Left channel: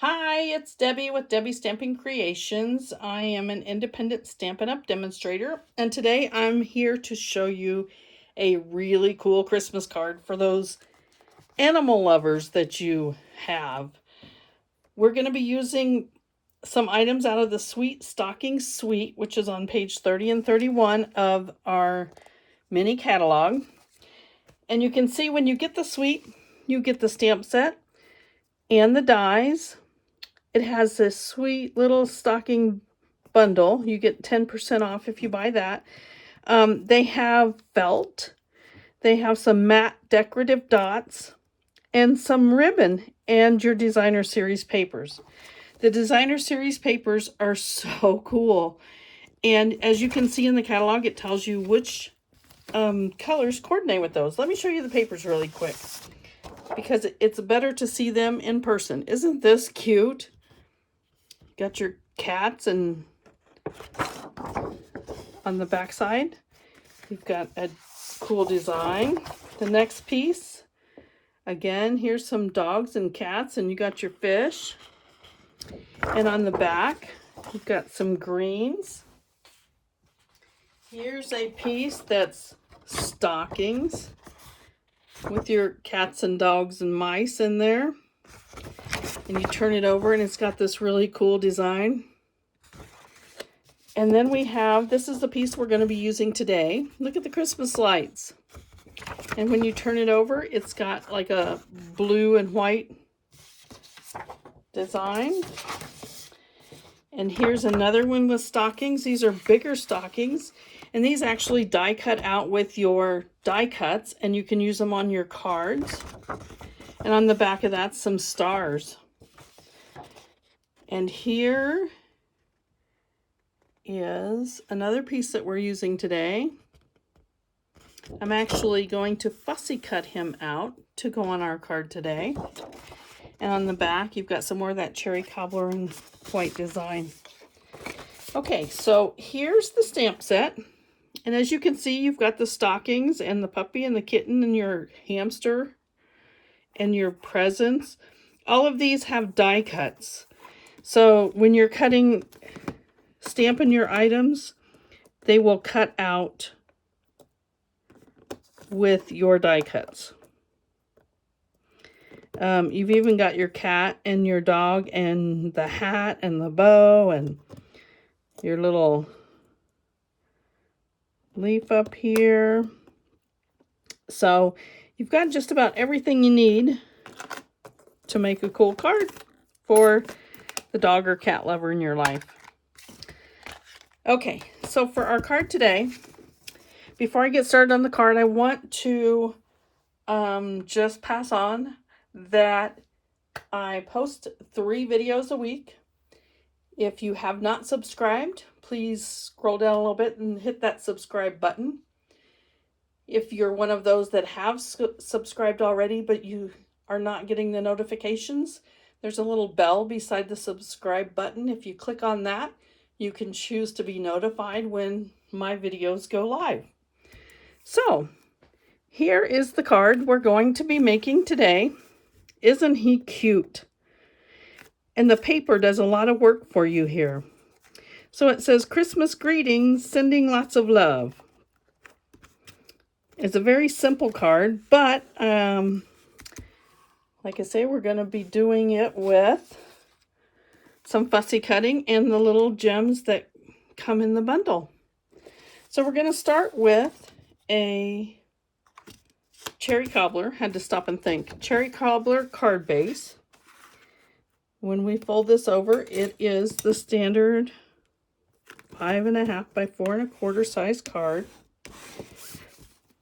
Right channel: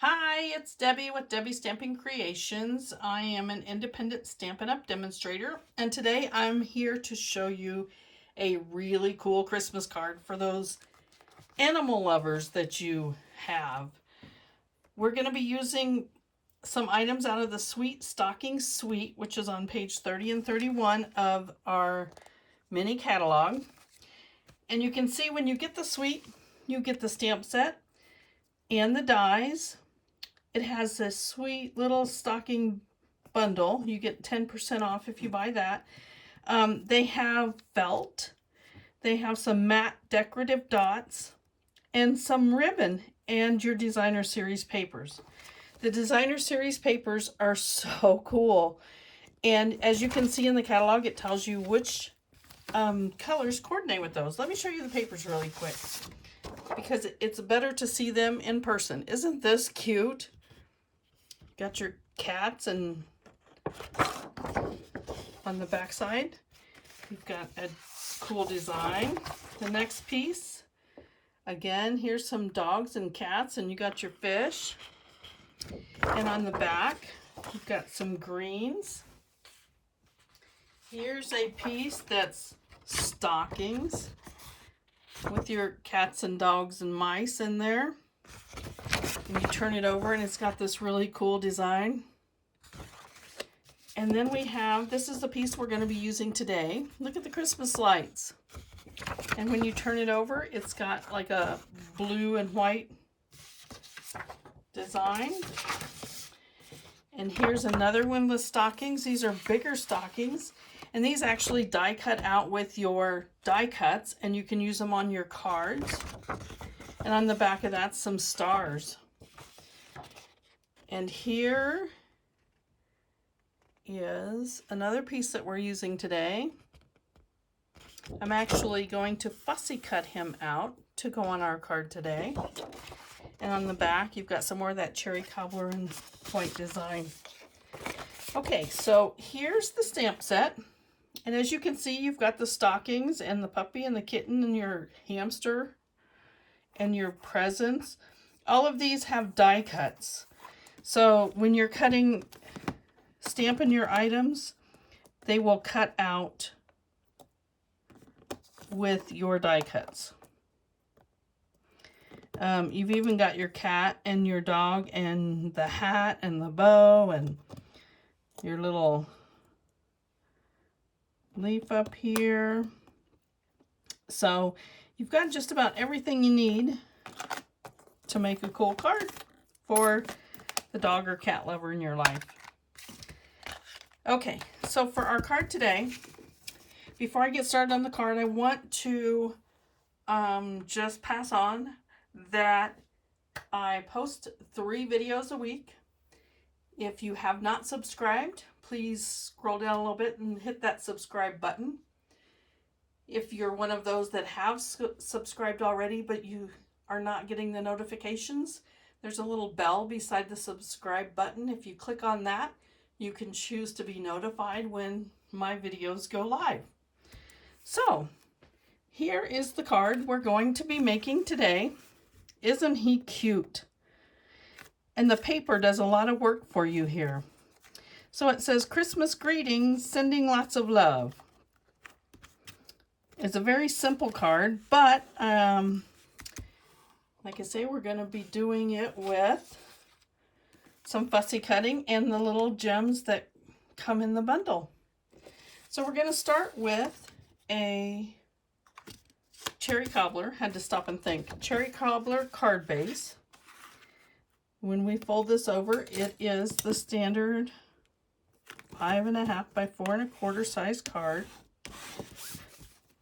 Hi, it's Debbie with Debbie Stamping Creations. I am an independent Stampin' Up! Demonstrator, and today I'm here to show you a really cool Christmas card for those animal lovers that you have. We're going to be using some items out of the Sweet Stockings Suite, which is on page 30 and 31 of our mini catalog. And you can see when you get the suite, you get the stamp set and the dies. It has this Sweet Little Stocking Bundle. You get 10% off if you buy that. They have felt. They have some matte decorative dots and some ribbon and your designer series papers. The designer series papers are so cool. And as you can see in the catalog, it tells you which colors coordinate with those. Let me show you the papers really quick because it's better to see them in person. Isn't this cute? Got your cats, and on the back side you've got a cool design. The next piece, again, here's some dogs and cats, and you got your fish. And on the back you've got some greens. Here's a piece that's stockings with your cats and dogs and mice in there. And you turn it over and it's got this really cool design. And then we have, this is the piece we're going to be using today. Look at the Christmas lights. And when you turn it over, it's got like a blue and white design. And here's another one with stockings. These are bigger stockings. And these actually die cut out with your die cuts, and you can use them on your cards. And on the back of that, some stars. And here is another piece that we're using today. I'm actually going to fussy cut him out to go on our card today. And on the back, you've got some more of that cherry cobbler and white design. Okay, so here's the stamp set. And as you can see, you've got the stockings and the puppy and the kitten and your hamster and your presents. All of these have die cuts. So when you're stamping your items, they will cut out with your die cuts. You've even got your cat and your dog and the hat and the bow and your little leaf up here. So you've got just about everything you need to make a cool card for the dog or cat lover in your life. Okay, so for our card today, before I get started on the card, I want to just pass on that I post 3 videos a week. If you have not subscribed, please scroll down a little bit and hit that subscribe button. If you're one of those that have subscribed already, but you are not getting the notifications, there's a little bell beside the subscribe button. If you click on that, you can choose to be notified when my videos go live. So here is the card we're going to be making today. Isn't he cute? And the paper does a lot of work for you here. So it says, Christmas greetings, sending lots of love. It's a very simple card, but like I say, we're going to be doing it with some fussy cutting and the little gems that come in the bundle. So we're going to start with a cherry cobbler. Had to stop and think. Cherry cobbler card base. When we fold this over, it is the standard 5.5 by 4 1/4 size card.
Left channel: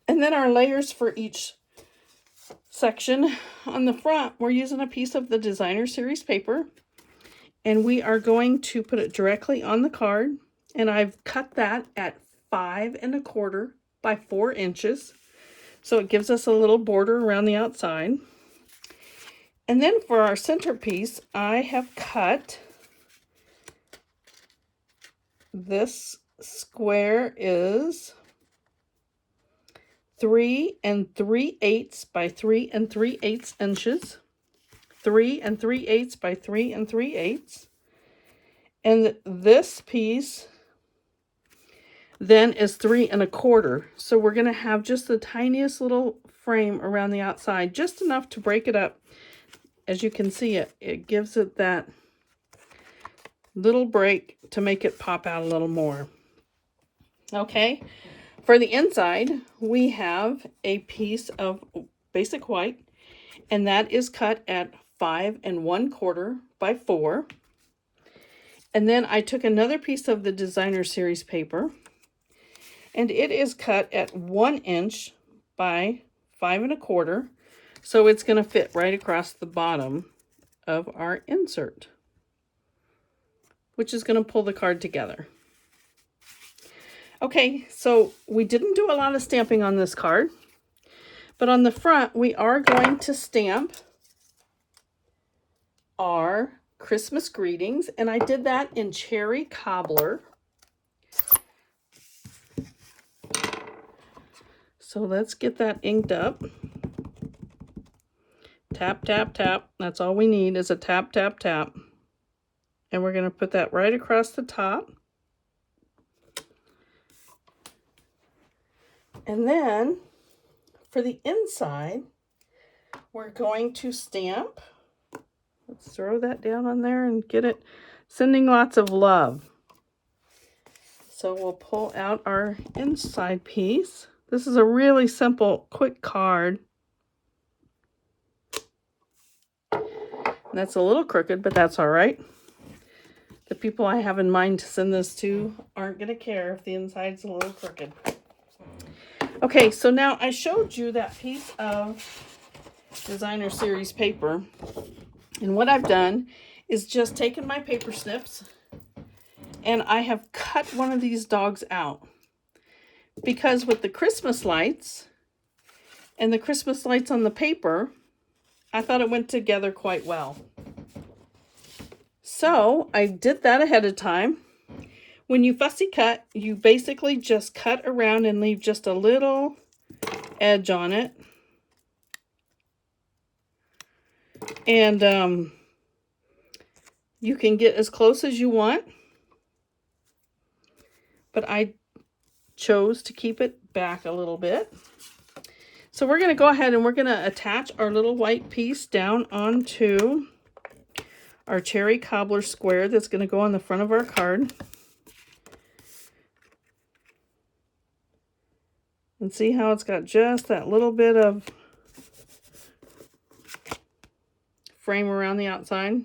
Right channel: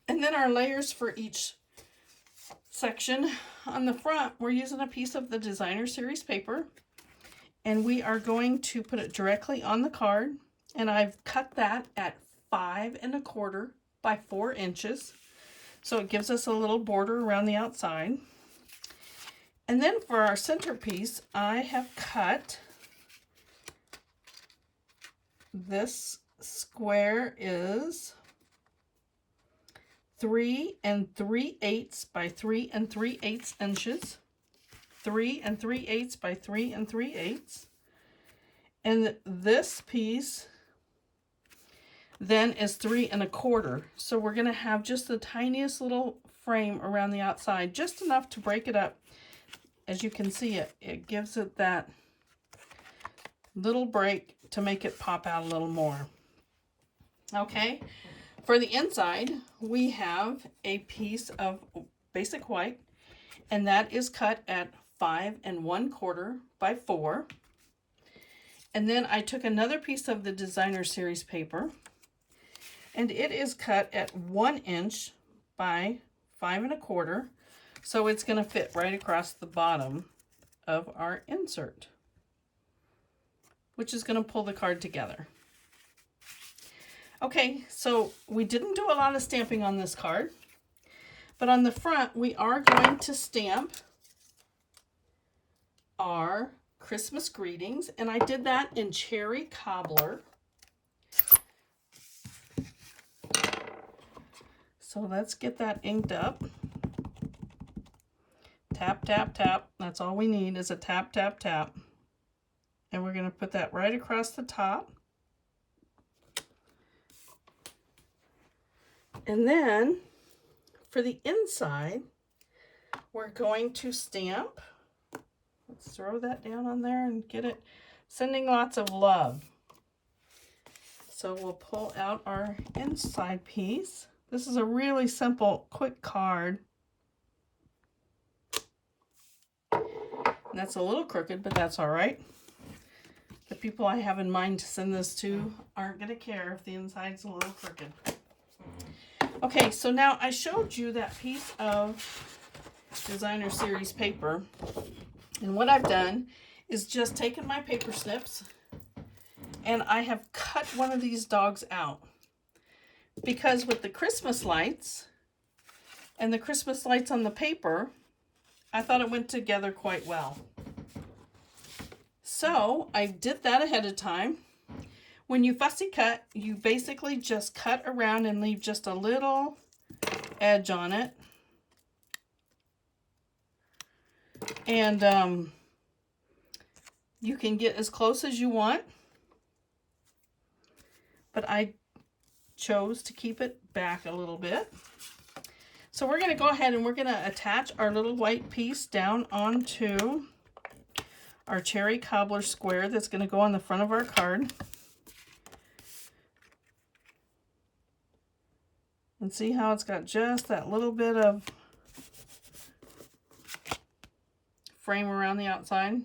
And then our layers for each section. On the front, we're using a piece of the designer series paper, and we are going to put it directly on the card. And I've cut that at 5 1/4 by 4 inches. So it gives us a little border around the outside. And then for our centerpiece, I have cut this square is 3 3/8 by 3 3/8 inches. 3 3/8 by 3 3/8. And this piece then is 3 1/4. So we're going to have just the tiniest little frame around the outside, just enough to break it up. As you can see, it gives it that little break to make it pop out a little more. Okay, for the inside, we have a piece of basic white, and that is cut at 5 1/4 by 4. And then I took another piece of the designer series paper, and it is cut at 1 inch by 5 1/4. So it's going to fit right across the bottom of our insert, which is going to pull the card together. Okay, so we didn't do a lot of stamping on this card, but on the front, we are going to stamp our Christmas greetings, and I did that in cherry cobbler. So let's get that inked up. Tap, tap, tap. That's all we need is a tap, tap, tap. And we're going to put that right across the top. And then for the inside, we're going to stamp. Let's throw that down on there and get it sending lots of love. So we'll pull out our inside piece. This is a really simple, quick card. That's a little crooked, but that's all right. The people I have in mind to send this to aren't going to care if the inside's a little crooked. Okay, so now I showed you that piece of designer series paper, and what I've done is just taken my paper snips and I have cut one of these dogs out, because with the Christmas lights and the Christmas lights on the paper, I thought it went together quite well. So I did that ahead of time. When you fussy cut, you basically just cut around and leave just a little edge on it. And you can get as close as you want, but I chose to keep it back a little bit. So we're going to go ahead and we're going to attach our little white piece down onto our cherry cobbler square that's going to go on the front of our card. And see how it's got just that little bit of frame around the outside.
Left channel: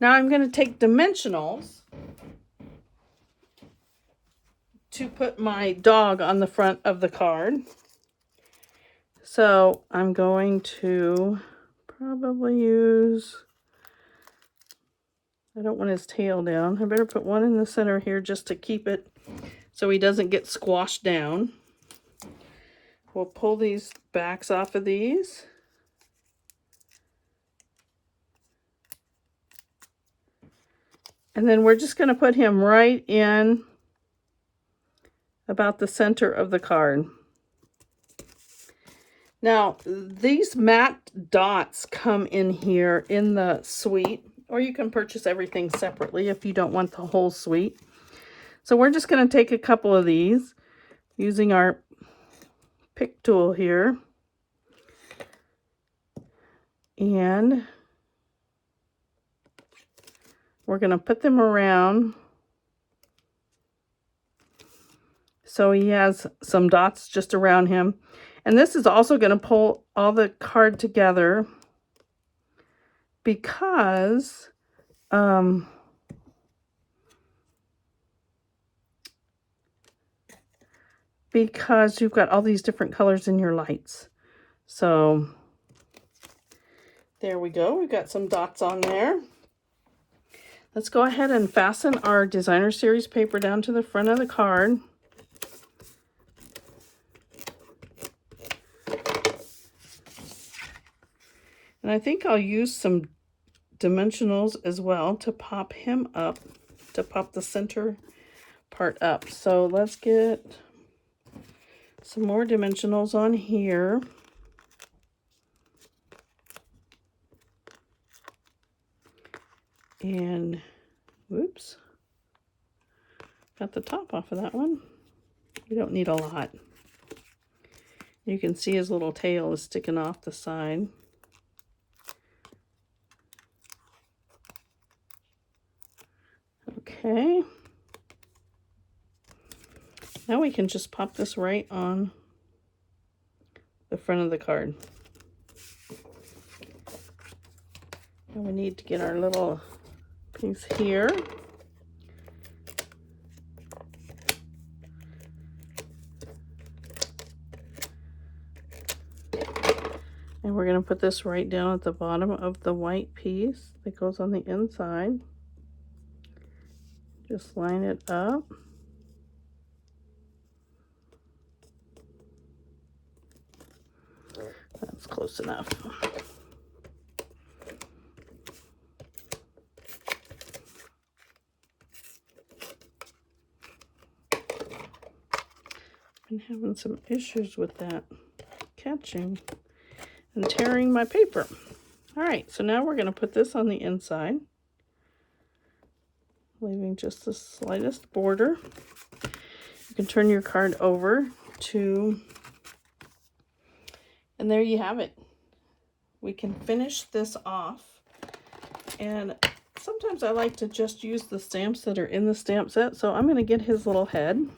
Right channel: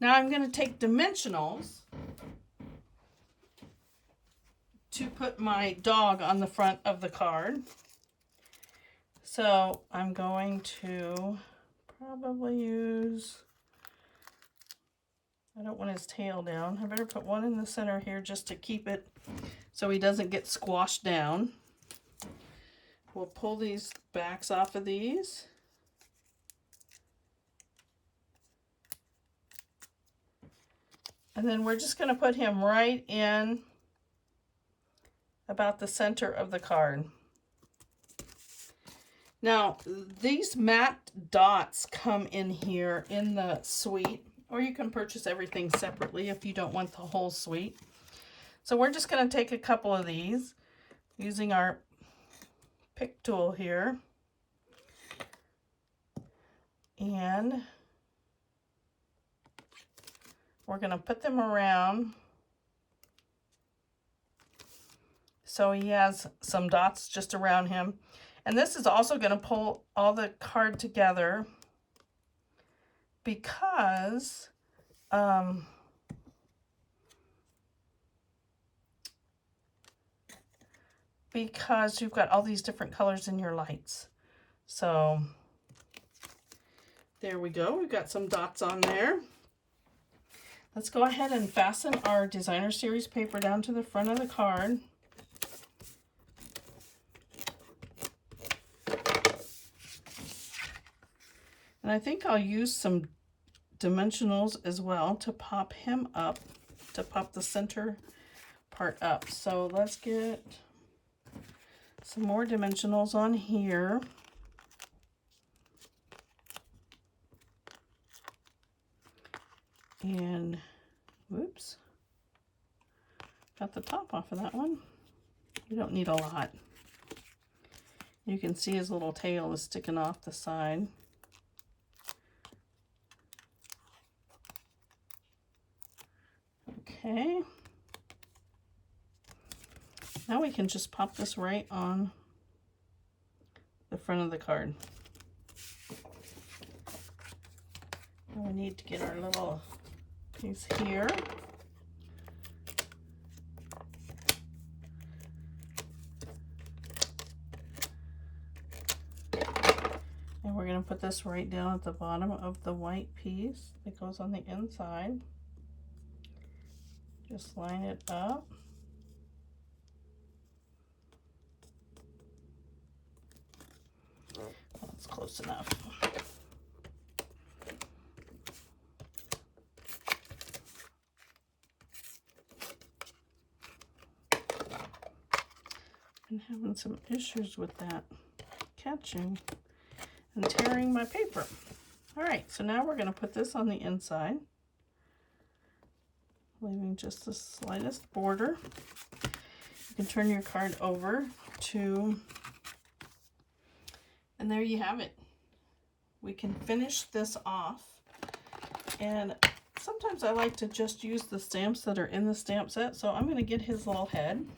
Now I'm going to take dimensionals to put my dog on the front of the card. So I'm going to probably use, I don't want his tail down. I better put one in the center here just to keep it so he doesn't get squashed down. We'll pull these backs off of these. And then we're just going to put him right in about the center of the card. Now, these matte dots come in here in the suite, or you can purchase everything separately if you don't want the whole suite. So we're just going to take a couple of these using our pick tool here. And we're going to put them around so he has some dots just around him. And this is also going to pull all the card together because you've got all these different colors in your lights. So there we go. We've got some dots on there. Let's go ahead and fasten our designer series paper down to the front of the card. And I think I'll use some dimensionals as well to pop him up, to pop the center part up. So let's get some more dimensionals on here. And whoops, got the top off of that one. You don't need a lot. You can see his little tail is sticking off the side. Okay. Now we can just pop this right on the front of the card. And we need to get our little piece here. And we're going to put this right down at the bottom of the white piece that goes on the inside. Just line it up. That's close enough. I'm having some issues with that catching and tearing my paper. All right, so now we're going to put this on the inside, leaving just the slightest border. You can turn your card over to, and there you have it. We can finish this off, and sometimes I like to just use the stamps that are in the stamp set, so I'm going to get his little head,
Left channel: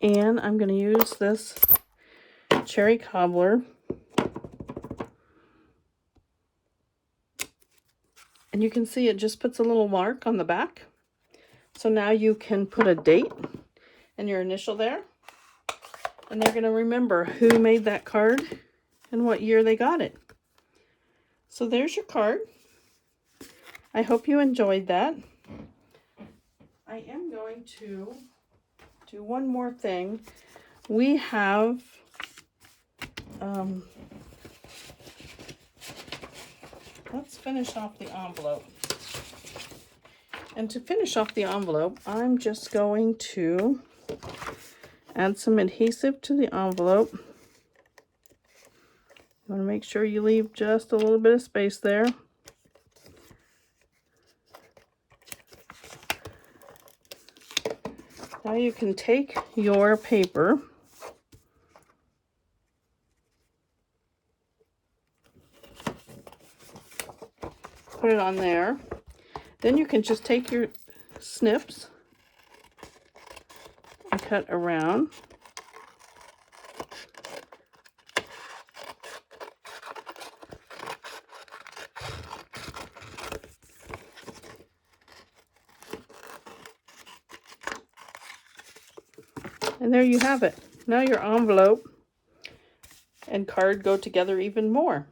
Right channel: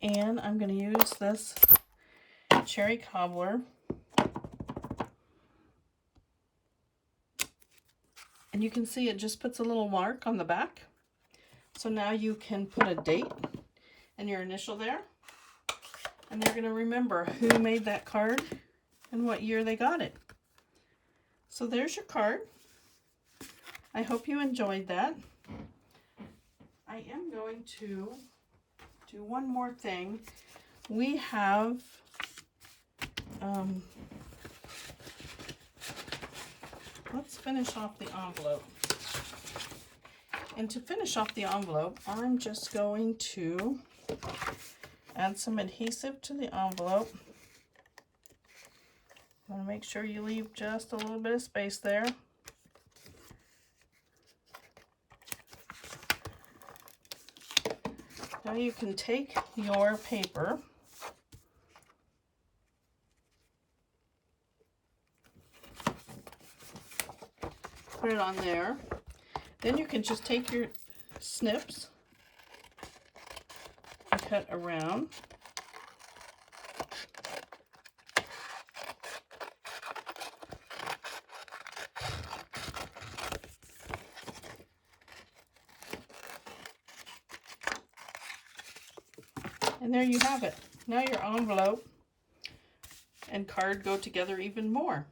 and I'm going to use this cherry cobbler. And you can see it just puts a little mark on the back. So now you can put a date and your initial there. And they're going to remember who made that card and what year they got it. So there's your card. I hope you enjoyed that. I am going to do one more thing. We have let's finish off the envelope. And to finish off the envelope, I'm just going to add some adhesive to the envelope. You want to make sure you leave just a little bit of space there. Now you can take your paper put it on there. Then you can just take your snips and cut around. And there you have it. Now your envelope and card go together even more.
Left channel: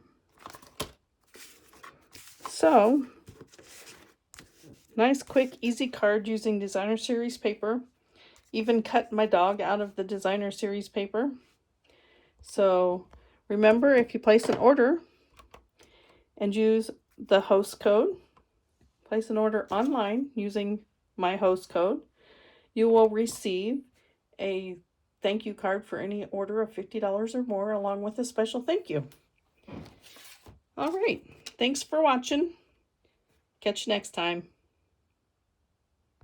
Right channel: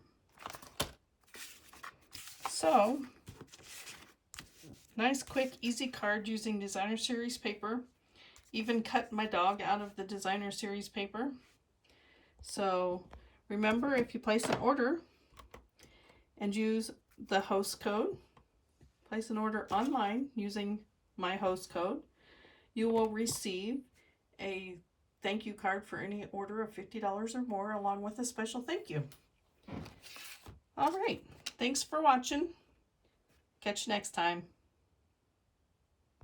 So, nice, quick, easy card using designer series paper. Even cut my dog out of the designer series paper. So remember, if you place an order and use the host code, place an order online using my host code, you will receive a thank you card for any order of $50 or more, along with a special thank you. All right. Thanks for watching. Catch you next time.